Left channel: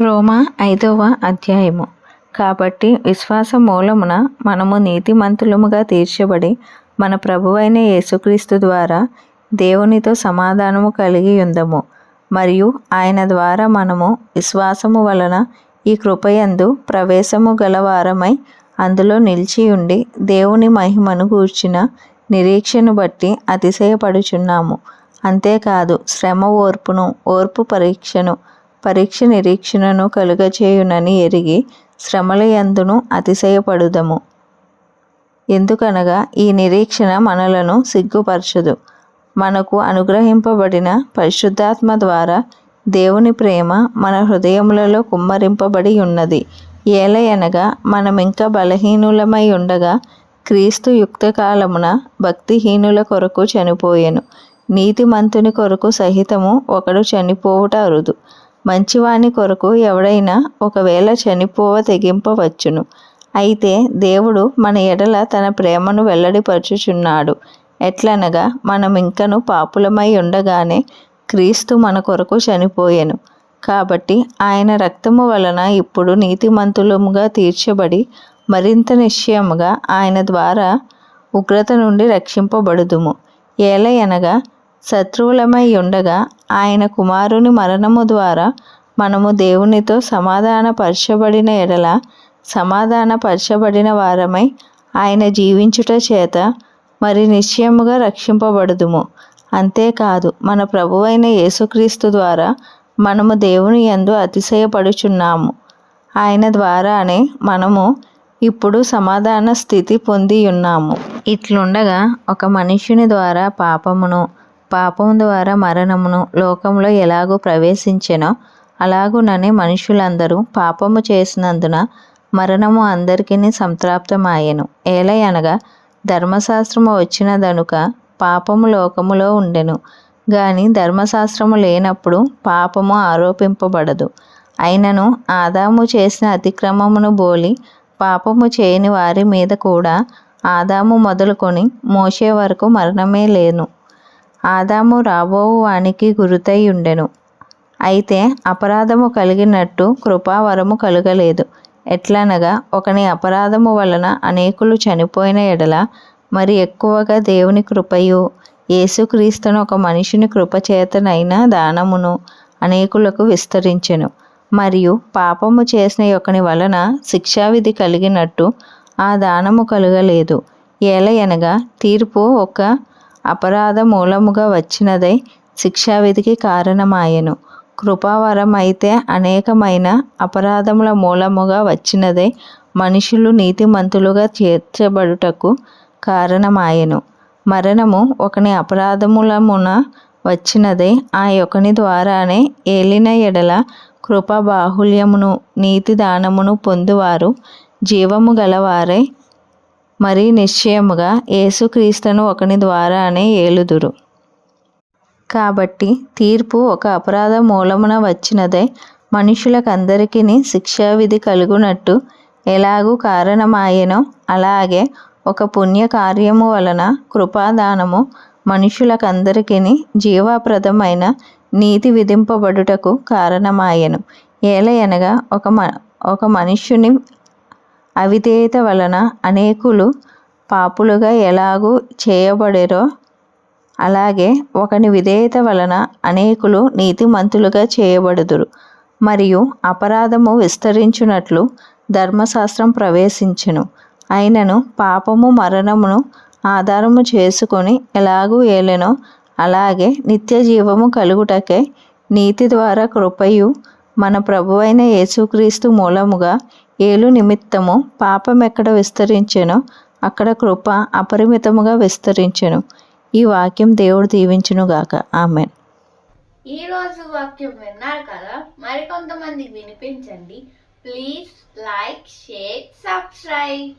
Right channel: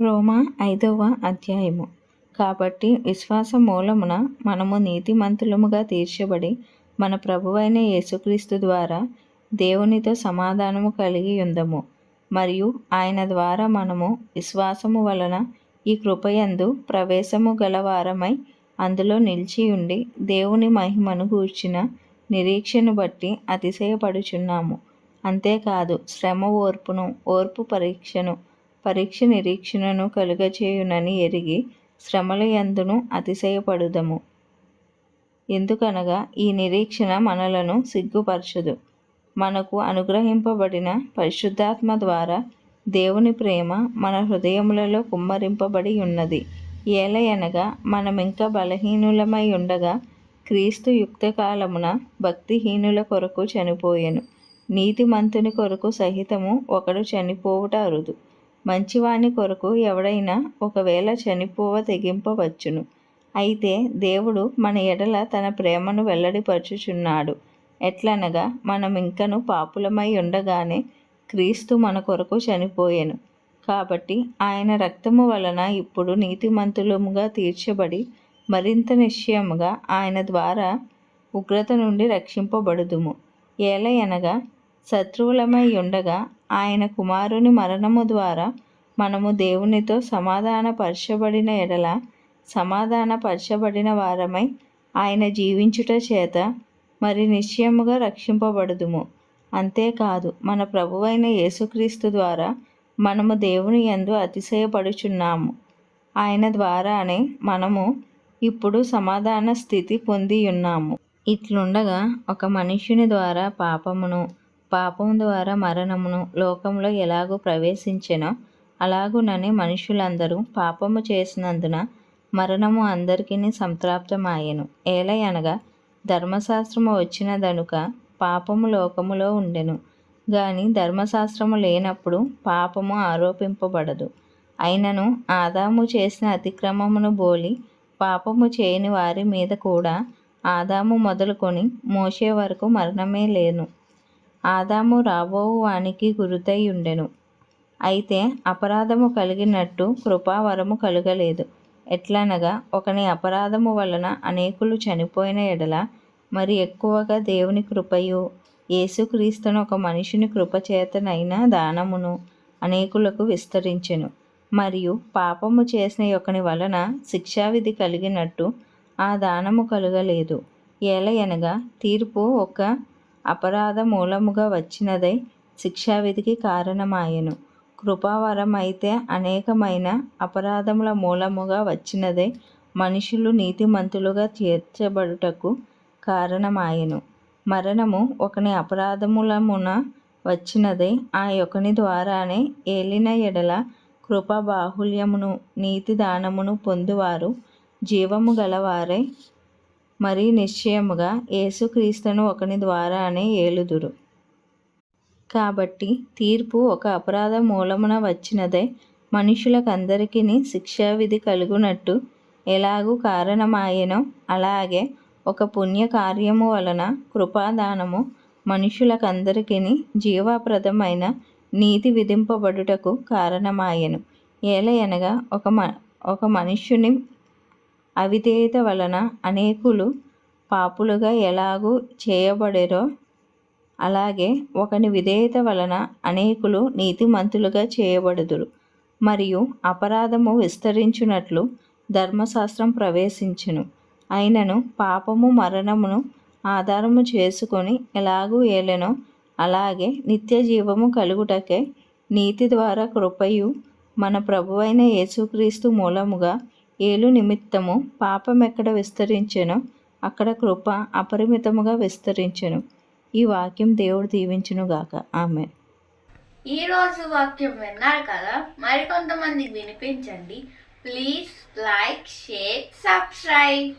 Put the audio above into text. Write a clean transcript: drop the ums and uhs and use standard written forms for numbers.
రోమా 5వ అధ్యాయము. కాబట్టి విశ్వాస మూలమున మనము నీతిమంతులముగా తీర్చబడి మన ప్రభువైన యేసుక్రీస్తు ద్వారా దేవునితో సమాధానము కలిగి ఉందము. మరియు ఆయన ద్వారా మనము విశ్వాసము వలన ఈ కృపయందు ప్రవేశము గలవారమై అందులో నిలిచి ఉండి దేవుని మహిమను గూర్చిన నిరీక్షను బట్టి అతిశయపడుచున్నాము. అంతేకాదు శ్రమ ఓర్పును, ఓర్పు పరీక్షను, పరీక్ష నిరీక్షణను కలుగచేయునని ఎరిగి శ్రమల యందును అతిశయపడుదము. ఎందుకనగా ఈ నిరీక్షణ మనలను సిగ్గుపరచదు. మనకు అనుగ్రహింపబడిన పరిశుద్ధాత్మ ద్వారా దేవుని ప్రేమ మన హృదయములలో కుమ్మరింపబడి ఉన్నది. ఏలయనగా మనమింక బలహీనులమై ఉండగా క్రీస్తు యుక్తకాలమున భక్తిహీనుల కొరకు చనిపోయెను. నీతిమంతుని కొరకు సహితము ఒకడు చనిపోవుట అరుదు. మంచివాని కొరకు ఎవడైనా ఒకవేళ చనిపోవ తెగింపవచ్చును. అయితే దేవుడు మన ఎడల తన ప్రేమను వెల్లడిపరచుచున్నాడు. ఎట్లనగా మనమింకను పాపులమై ఉండగానే క్రీస్తు మన కొరకు చనిపోయెను. కాబట్టి ఆయన రక్తము వలన ఇప్పుడు నీతిమంతులముగా తీర్చబడి మరింత నిశ్చయముగా ఆయన ద్వారా ఉగ్రత నుండి రక్షింపబడుదుము. ఏలయనగా శత్రువులమై ఉండగా ఆయన కుమారుని మరణము ద్వారా మనము దేవునితో సమాధానపరచబడిన ఎడల సమాధానపరచబడిన వారమై ఆయన జీవించుట చేత మరి నిశ్చయముగా రక్షింపబడుదుము. అంతేకాదు మన ప్రభువైన యేసుక్రీస్తు ద్వారా మనము దేవుని యందు అతిశయపడుచున్నాము. ఆయన ద్వారానే మనము ఇప్పుడు సమాధాన స్థితి పొంది ఉన్నాము. ఇట్లుండగా ఒక మనుష్యుని ద్వారా పాపమును, పాపము ద్వారా మరణమును లోకంలో ఎలాగూ ప్రవేశించెనో అలాగుననే మనుషులందరూ పాపము చేసినందున మరణము అందరికీ సంప్రాప్తమాయెను. ఏలయనగా ధర్మశాస్త్రము వచ్చినదనుక పాపము లోకములో ఉండెను. గాని ధర్మశాస్త్రము లేనప్పుడు పాపము ఆరోపింపబడదు. అయినను ఆదాము చేసిన అతిక్రమమును బోలి పాపము చేయని వారి మీద కూడా ఆదాము మొదలుకొని మోషే వరకు మరణమే లేను. ఆదాము రాబోవు వానికి గురుతై ఉండెను. అయితే అపరాధము కలిగినట్టు కృపావరము కలుగలేదు. ఎట్లనగా ఒకని అపరాధము వలన అనేకులు చనిపోయిన ఎడల మరి ఎక్కువగా దేవుని కృపయు యేసుక్రీస్తును ఒక మనిషిని కృపచేతనైన దానమును అనేకులకు విస్తరించెను. మరియు పాపము చేసిన ఒకని వలన శిక్షావిధి కలిగినట్టు ఆ దానము కలుగలేదు. ఏలయనగా తీర్పు ఒక అపరాధ మూలముగా వచ్చినదై శిక్షావిధికి కారణమాయెను. కృపావరం అయితే అనేకమైన అపరాధముల మూలముగా వచ్చినదై మనుషులు నీతిమంతులుగా తీర్చబడుటకు కారణమాయెను. మరణము ఒకని అపరాధములమున వచ్చినదై ఆ యొకని ద్వారానే ఏలిన ఎడల కృపా బాహుల్యమును నీతి దానమును పొందువారు జీవము గలవారై మరీ నిశ్చయముగా యేసుక్రీస్తును ఒకని ద్వారానే ఏలుదురు. కాబట్టి తీర్పు ఒక అపరాధ మూలమున వచ్చినదై మనుషులకందరికీ శిక్షావిధి కలుగునట్టు ఎలాగూ కారణమాయెనో అలాగే ఒక పుణ్యకార్యము వలన కృపాదానము మనుషులకందరికీ జీవప్రదమైన నీతి విధింపబడుటకు కారణమాయెను. ఏలయనగా ఒక మనుష్యుని అవిధేయత వలన అనేకులు పాపులుగా ఎలాగూ చేయబడిరో అలాగే ఒకని విధేయత వలన అనేకులు నీతిమంతులుగా చేయబడుదురు. మరియు అపరాధము విస్తరించునట్లు ధర్మశాస్త్రం ప్రవేశించెను. అయినను పాపము మరణమును ఆధారము చేసుకొని ఎలాగూ ఏలెనో అలాగే నిత్య జీవము కలుగుటకై నీతి ద్వారా కృపయు మన ప్రభువైన యేసుక్రీస్తు మూలముగా ఏలు నిమిత్తము పాపం ఎక్కడ విస్తరించెనో అక్కడ కృప అపరిమితముగా విస్తరించెను. ఈ వాక్యం దేవుడు దీవించునుగాక. ఆమెన్. ఈరోజు వాక్యం విన్నారు కదా, మరికొంతమందికి వినిపించండి. Please like, share, subscribe.